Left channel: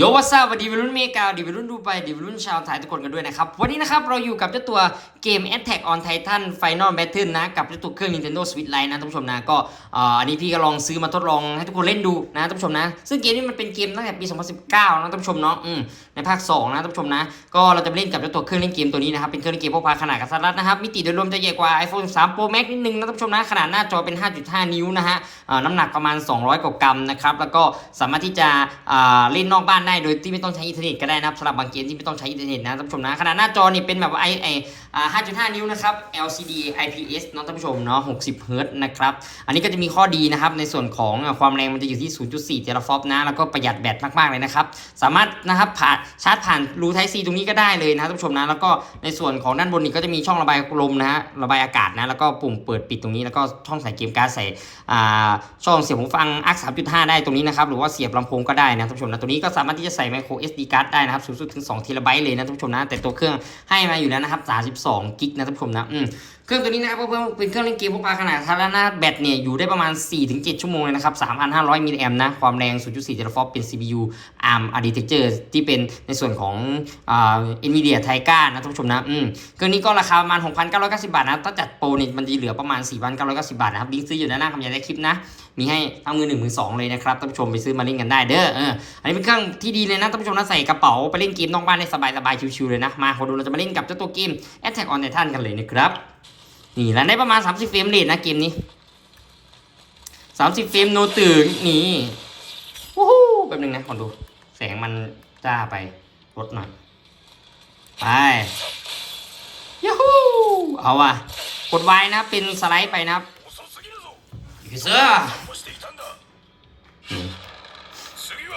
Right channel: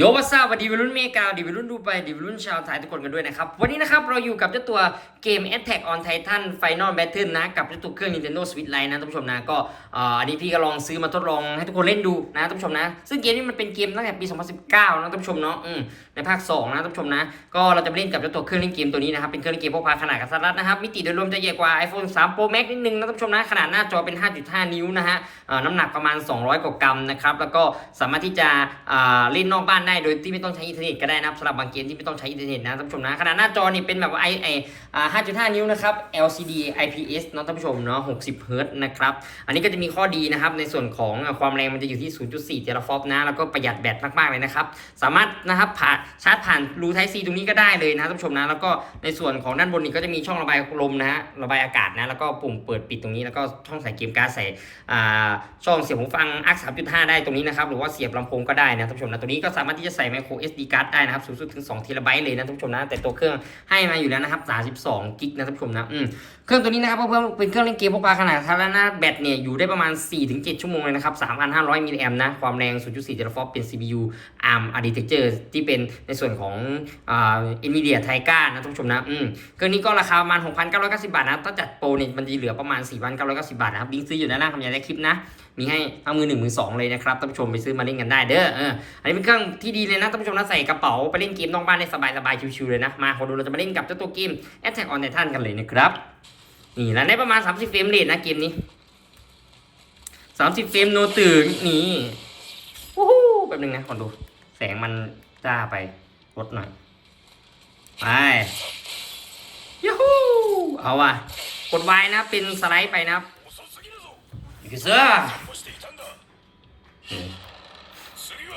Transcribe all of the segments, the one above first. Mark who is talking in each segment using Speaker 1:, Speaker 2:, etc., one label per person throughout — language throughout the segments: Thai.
Speaker 1: โยวัสวัดีวัยรุ่นเมกาดีวัยรุ่นดูไปดีวัยรุ่นชาวไทยทุกคนกันด้วยนะครับ วันนี้นะครับเราอยู่กับเจ้าตัวเกม Attack on Titan Final Battle นะ กับเจ้าตัวเครื่อง Nintendo Switch Lite นะท่านผู้ชมนะก็อ,อันนี้พี่ก็ลองซื้อมาทดลองให้ทุกคนเล่นดูนะท่านผู้ชมนะ ซึ่งเกมนี้มันเป็นเกมตั้งแต่ปี 2019 นะท่านผู้ชมเนาะอืมในภาค 2 นะท่านผู้ชมนะ ก็เราจะเล่นกับเจ้าตัวเครื่องเล่นเกมตัวนี้นะครับเป็นเครื่องเล่นเกมพกพาขนาดกระทัดรัดนะครับมิติโดยรวมจะใหญ่กว่า iPhone 3 Pro Max นิดนึงนะท่านผู้ชมนะขนาดหน้าจอเป็น 5.5 นิ้วนะฮะน้ำหนักประมาณ 200กว่ากรัมนะครับแล้วก็สามารถที่จะเล่นนอกบ้านได้โดยที่ไม่ต้องใช้อินเทอร์เน็ตก็ได้นะสำหรับบางเกมที่ไม่ต้องใช้อินเทอร์เน็ตนะท่านผู้ชมนะขนาดหน้าจอนี่เป็นแบบไอไอ้5.5 นิ้วนะครับ LCD IPS เนาะท่านผู้ชมเนาะ 60 เฮิร์ตซ์นะครับ อันนี้ก็จะมีข้อดีนะครับ ในส่วนของอ่าความแรงมันจะอยู่ที่ 0.4 เทราฟอปนะ แล้วก็ประหยัดแบตมากๆเลยนะครับ สามารถนะครับผ่านชาร์จผ่านรูไทซีตรงนี้ก็ได้เลยนะท่านผู้ชมนะ แล้วก็ในส่วนของด้านบนนี่ก็จะมีช่องระบายลมนะฮะ ระบายอากาศนะ แล้วก็ปุ่มเปิดปิดตรงนี้ แล้วก็ช่องใส่เกมการ์ดใส่อ่าช่องเสียบหูฟัง ARC 3.5 ได้ตรงนี้นะครับ หรือว่าเสียบลำโพงก็ได้นะท่านผู้ชมนะตัวนี้ก็สามารถที่จะใส่ micro SD card ได้นะครับ สูงสุดถึง2 t b เลยนะท่านผู้ชมนะ แต่ตัวเครื่องให้มาอยู่แล้วนะครับ32กิกนะท่านผู้ชมนะอืมเครื่องตัวนี้นะครับเพื่อนเป็นเครื่องเล่นเกมพกพาขนาดกระทัดรัดนะแบตเนี่ยอยู่ได้ประมาณ 4-7 ชั่วโมงเลยนะครับ 3,500 มิลลิแอมป์นะความแรง 0.4เทราฟอปเป็น CPU ARM architecture ที่เป็นในส่วนของอ่า NVIDIA Tiger นะท่านผู้ชมนะอืมเครื่องนี้ก็ราคาประมาณ 6,990 บาทนะถ้าจัดโปรเนี่ยมันจะเหลือประมาณ 4,990 บาทนะครับลิงก์ซื้ออยู่ด้านหน้าคำยายได้คลิปนะมีให้ทั้งมือหนึ่งมือสองเลยนะครับท่านผู้ชมไปซื้อมาเล่นกันได้เด้อเอออันนี้เป็นเครื่องที่ดีเลยนะท่านผู้ชมนะใส่กระเป๋าไปเล่นเกมนอกบ้านได้สบายสบายๆชิวๆเลยนะมาขอดูเราจะมาเล่นกับเจ้าตัวเกม Attack on Titan กันเลยนะครับนี่แล้วในประมาณ 30 เฟรมเลยนะเกมนี้ 30 เฟรมโนตื่นนี่วู้ฮู้แป๊บนึงนะขอดู แสงมันจ้าไปลดหน่อย ไปยูฮูเอาว่ะกดไว้นะเป็นสไลด์ไปนะอีกเสื้อ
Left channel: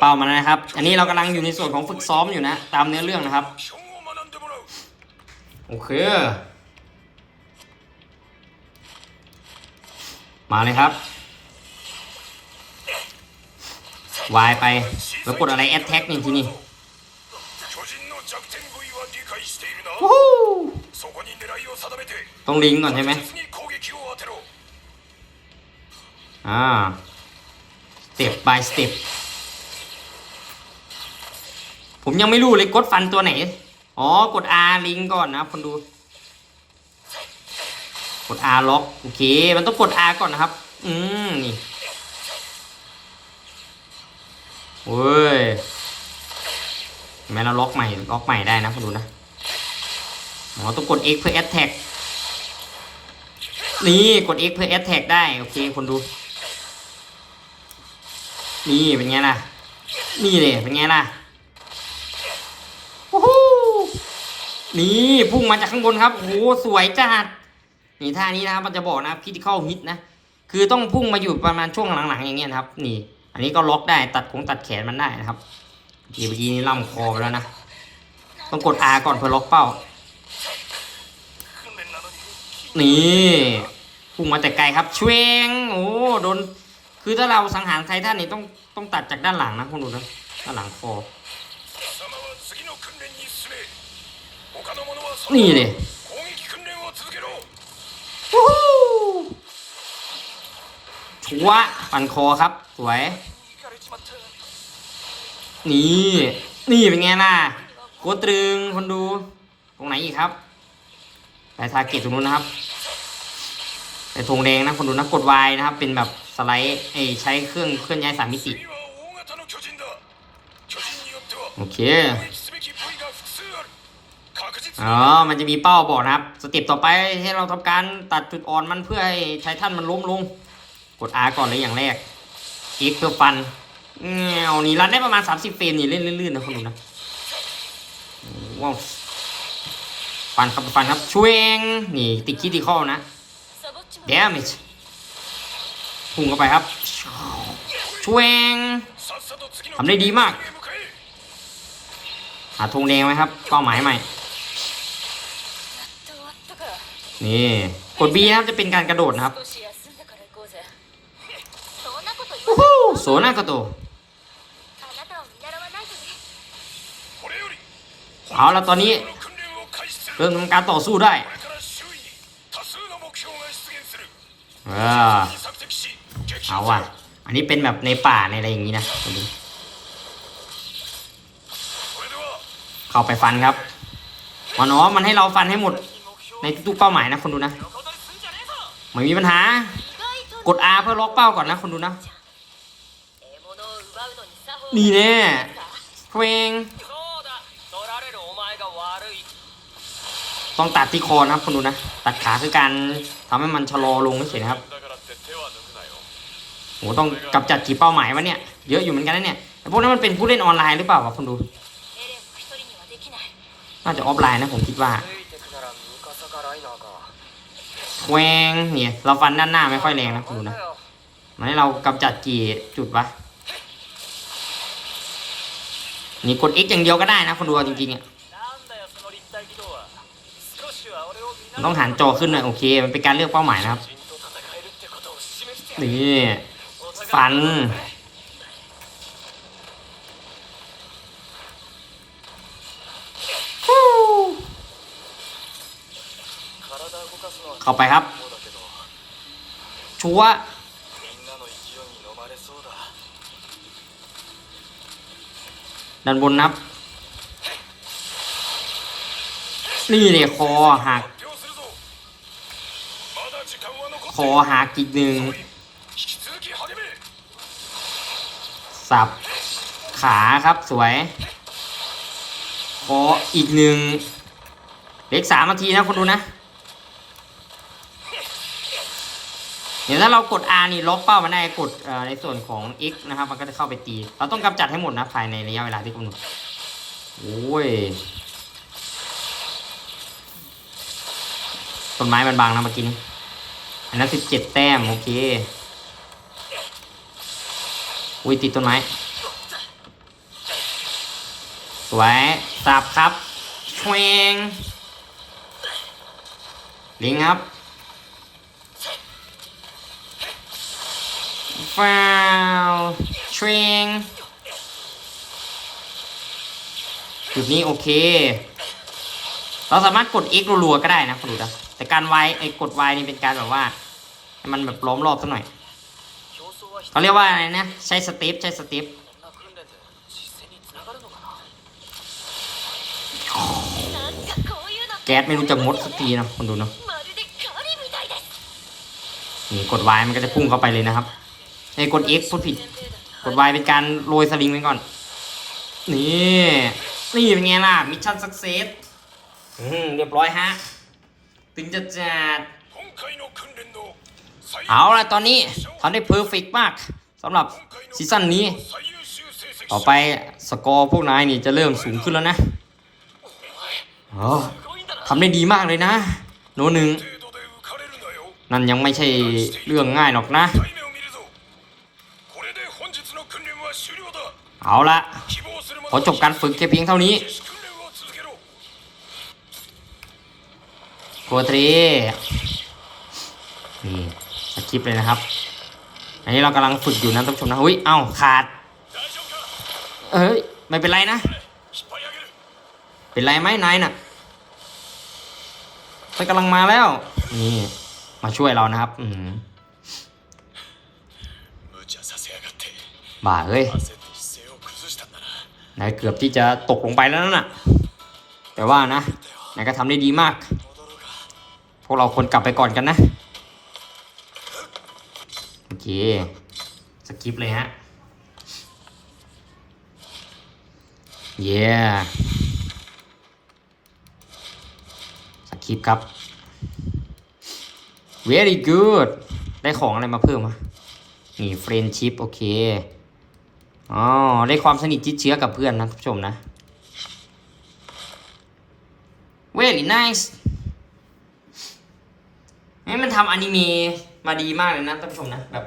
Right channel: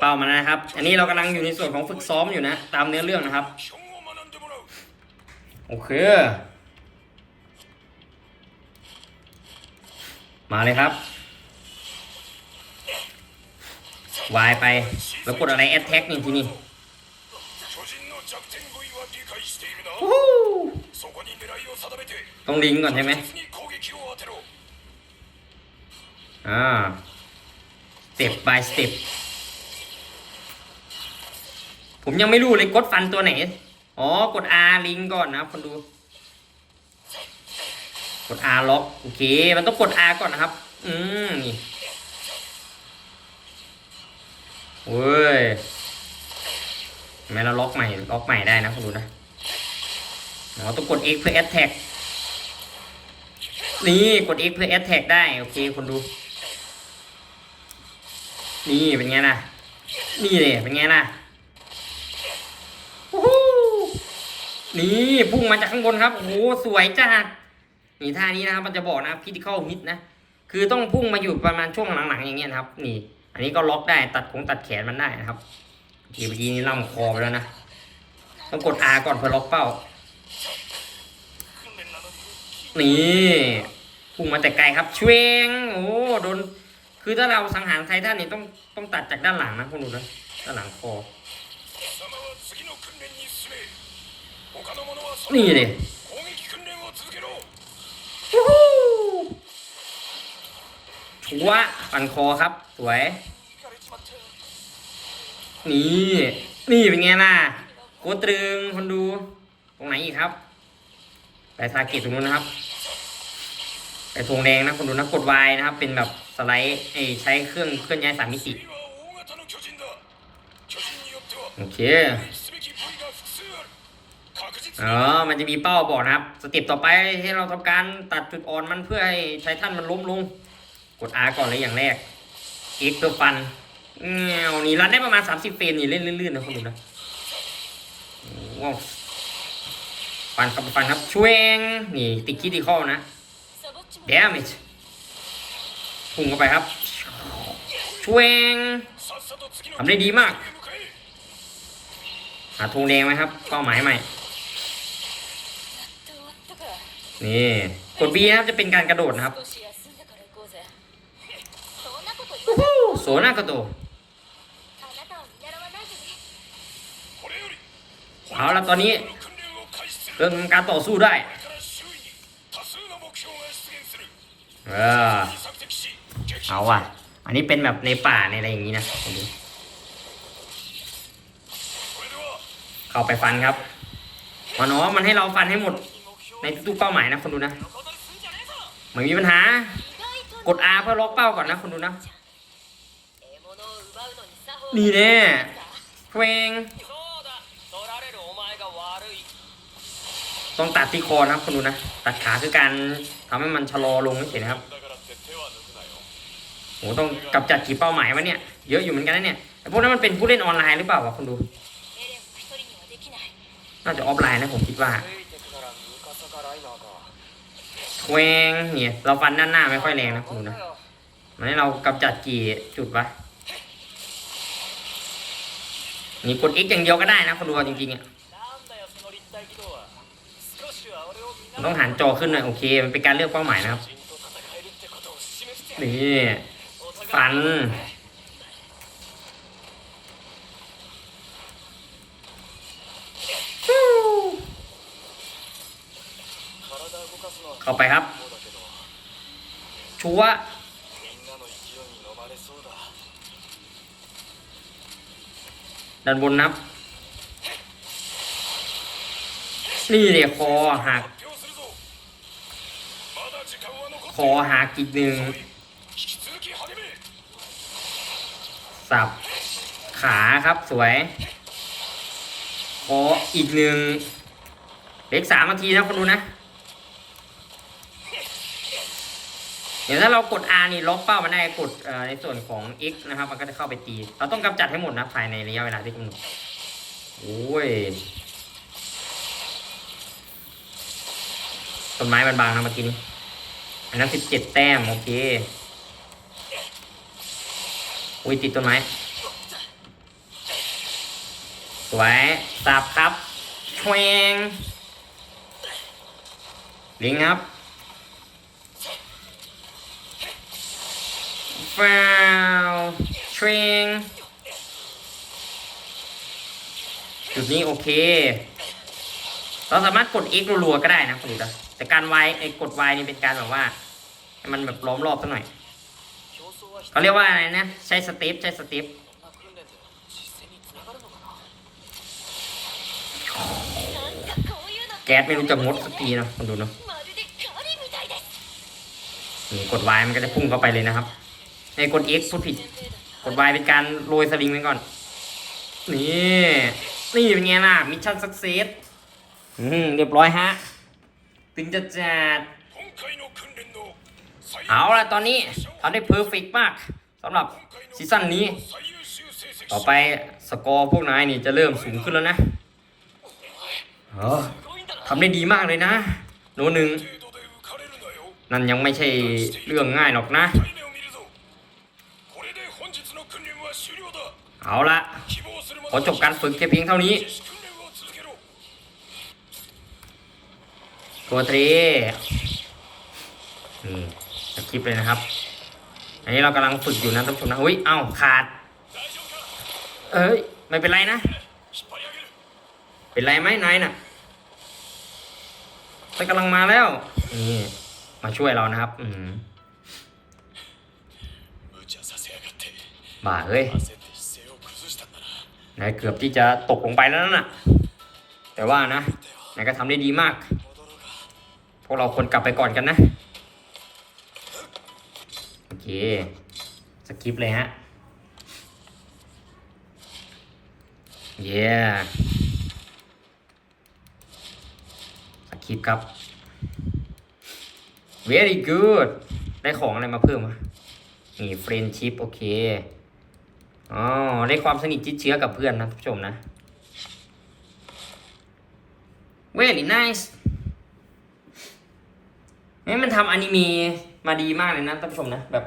Speaker 1: เป่ามันนะครับ อันนี้เรากำลังอยู่ในส่วนของฝึกซ้อมอยู่นะ ตามเนื้อเรื่องนะครับ โอเค มาเลยครับ วายไป แล้วกดอะไรแอดแท็กนี่ทีนี่ต้องลิงก์ก่อนใช่ไหมอ่าสเต็ปลายสเต็ปผมยังไม่รู้เลยกดฟันตัวไหน อ๋อ กด R ลิงก์ก่อนนะครับคนดู กด R ล็อกโอเค มันต้องกด R ก่อนนะครับ อืมนี่เว้ยทำไมเราล็อกใหม่ ล็อกใหม่ได้นะคุณดูนะอ๋อต้องกด X เพื่อ a t t a c นี่กด X เพื่อ a t t a c ได้ โอเคคนดู นี่เป็นไงล่ะ นี่เลยเป็นไงล่ะโอ้โห นี่พุ่งมาจากข้างบนครับโอ้โหสวยจัดนี่ท่านี้นะครับมันจะบอกนะครับคิดเข้าฮิตนะคือต้องพุ่งมาอยู่ประมาณช่วงหลังๆอย่างเงี้ยครับ นี่ อันนี้ก็ล็อกได้ตัดคงตัดแขนมันได้นะครับเดี๋ยวทีนี้ล่ำคอไปแล้วนะต้องกดอาก่อนเพื่อล็อกเป้า นี่พุ่งมาแต่ไกลครับเชวงโอ้โดนคือถ้าเราสังหารไททันนี่ต้องต้องตัดจากด้านหลังนะคุณดูนะด้านหลังคอ นี่เลยว่าปันคอครับ สวย นี่ นี่เป็นไงล่ะกคตรตรึงคนดู ตรงไหนอีกครับแต่ทาเกตตรงนู้นนะครับแต่ธงแดงนะคนดูนะกดวายนะครับ เป็นแบบสไลด์ใช้เครื่องเคลื่อนย้ายสามมิติโอเค อ๋อ มันจะมีเป้าบอกนะครับ สเต็ปต่อไปที่เราทำการตัดจุดอ่อนมันเพื่อให้ไททันมันล้มลง กด R ก่อนเลยอย่างแรกอีกเพื่อฟันเงานี่รันได้ประมาณ 30 เฟรมนี่เล่นลื่นๆนะคุณนะว้าวฟันครับฟันครับช่วงนี่ติดคิดติดข้อนะเดมิชพุ่งเข้าไปครับช่วงทำได้ดีมากหาธงแดงไหมครับเป้าหมายใหม่ นี่กด B นะครับจะเป็นการกระโดดนะครับโอ้โหโซนากระโดดเอาละตอนนี้เริ่มทำการต่อสู้ได้เออเอาอะ อันนี้เป็นแบบในป่าในอะไรอย่างนี้นะเข้าไปฟันครับมันอ๋อมันให้เราฟันให้หมด ในทุกเป้าหมายนะคนดูนะ
Speaker 2: เหมือ
Speaker 1: นมีปัญหา กด R เพื่อล็อกเป้าก่อนนะคนดูนะ นี่แน่เควงต้องตัดที่คอนะคนดูนะ ตัดขาคือการทำให้มันชะลอลงไม่เสียนะครับโหต้องกำจัดกี่เป้าหมายวะเนี่ย เยอะอยู่เหมือนกันนะเนี่ยพวกนั้นมันเป็นผู้เล่นออนไลน์หรือเปล่าวะคนดู น่าจะออฟไลน์นะผมคิดว่า แวงเนี่ยเราฟันด้านหน้าไม่ค่อยแรงนะคุณนะมันให้เรากำจัดกี่จุดวะนี่กด X อย่างเดียวก็ได้นะคนดูจริงๆอะต้องหันจอขึ้นหน่อยโอเค มันเป็นการเลือกเป้าหมายนะครับนี่ฟัน เข้าไปครับ ชัวดันบนนับ นี่เนี่ยคอหักคอหักอีกหนึ่งสับ ขาครับสวยคออีกหนึ่งเล็กสามนาทีนะคนดูนะ เดี๋ยวถ้าเรากด R นี่ล็อกเป้ามันได้กดอ่อในส่วนของ X นะครับ มันก็จะเข้าไปตี เราต้องกำจัดให้หมดนะภายในระยะเวลาที่กำหนดโอ้ยต้นไม้มันบางนะเมื่อกี้นี้อันนั้นสิบเจ็ดแต้มโอเคอุ้ยติดต้นไม้สวยสับครับแควงลิงครับ wow train จุดนี้โอเค เราสามารถกด x รัวๆก็ได้นะคุณดูนะแต่การ y ไอ้กด y นี่เป็นการแบบว่า มันแบบล้อมรอบซะหน่อย เขาเรียกว่าอะไรนะ ใช้สติปใช้สติปแก๊สไม่รู้จะมดสักทีนะคุณดูนะกดวามันก็จะพุ่งเข้าไปเลยนะครับ ไอ้กด F พูดผิด กด Y เป็นการโรยสลิงไปก่อน นี่ นี่เป็นไงล่ะ มิชชั่นสักเซสอืมเรียบร้อยฮะ ถึงจะจัด เอาละตอนนี้ทำได้เพอร์เฟกมากสำหรับซีซั่นนี้ ต่อไปสกอร์พวกนายนี่จะเริ่มสูงขึ้นแล้วนะทำได้ดีมากเลยนะ โนหนึ่งนั่นยังไม่ใช่เรื่องง่ายหรอกนะ เอาละขอจบการฝึกแค่เพียงเท่านี้โปรตรีนี่คลิปเลยนะครับ อันนี้เรากำลังฝึกอยู่นะท่านผู้ชมนะอุ้ยเอ้าขาด เอ้ยไม่เป็นไรนะ เป็นไรไหมนายน่ะมันกำลังมาแล้ว นี่ มาช่วยเรานะครับ อืาเอ้ย นายเกือบที่จะตกลงไปแล้วนะ่ะ แต่ว่านะนายก็ทำได้ดีมาก พวกเราคนกลับไปก่อนกันนะ โอเค สกิปเลยฮะ เย้สกิปครับ very good ได้ของอะไรมาเพิ่มวะนี่เฟรนชิพโอเค อ๋อได้ความสนิทชิดเชื้อกับเพื่อนนะท่านผู้ชมนะ very nice นี่มันทำอนิเมะมาดีมากเลยนะท่านผู้ชมนะ แบบ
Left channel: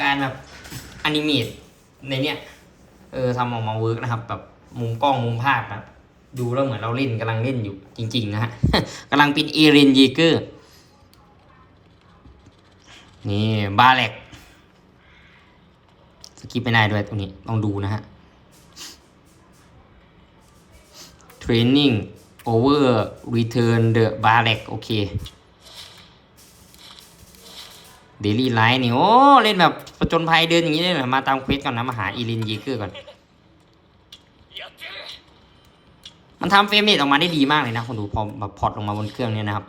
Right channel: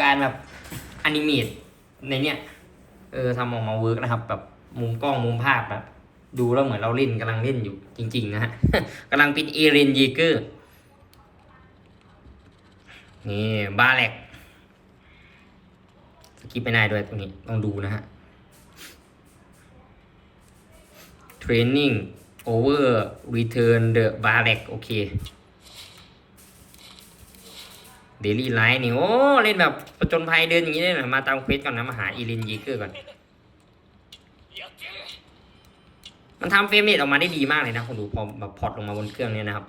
Speaker 1: การแบบอนิเมตในเนี้ยเออทำออกมาเวิร์กนะครับ แบบมุมกล้องมุมภาพแบบดูแล้วเหมือนเราเล่นกำลังเล่นอยู่จริง ๆ นะฮะกำลังเป็นเอเรนเยเกอร์นี่บาเล็ก กิปไม่ได้ด้วยตรงนี้ต้องดูนะฮะ training over return the barrack โอเค daily life นี่ โอ้ เล่นแบบประจนภัยเดินอย่างนี้เลยนะมาตามเควสก่อนนะ มาหาอีรินยีเกอร์ก่อน มันทำเฟรมเรตออกมาได้ดีมากเลยนะคุณดูพอแบบพอร์ตลงมาบนเครื่องเนี่ยนะครับ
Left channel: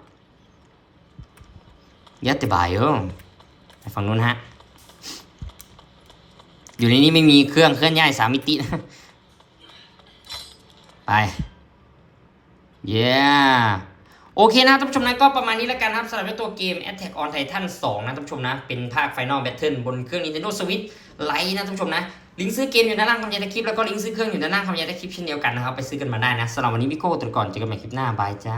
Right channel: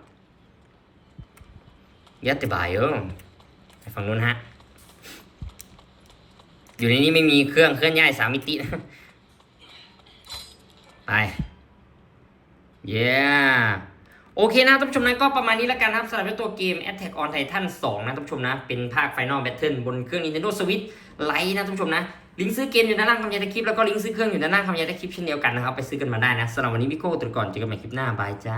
Speaker 1: ยัดติบายเออฝั่งนู้นฮะ อยู่ในนี้ไม่มีเครื่องเคลื่อนย้ายสามมิติไปเย้โอเคนะท่านผู้ชมนะก็ประมาณนี้แล้วกันนะครับสำหรับตัวเกม Attack on Titan 2 นะท่านผู้ชมนะ เป็นภาค Final Battle บนเครื่อง Nintendo Switch Lite นะท่านผู้ชมนะ ลิงก์ซื้อเกมอยู่ด้านล่างคำยายใต้คลิป แล้วก็ลิงก์ซื้อเครื่องอยู่ด้านล่างคำยายใต้คลิปเช่นเดียวกันนะครับ ไปซื้อกันมาได้นะสำหรับวันนี้พี่โก้ตัวก่อนเจอกันใหม่คลิปหน้าบายจ้า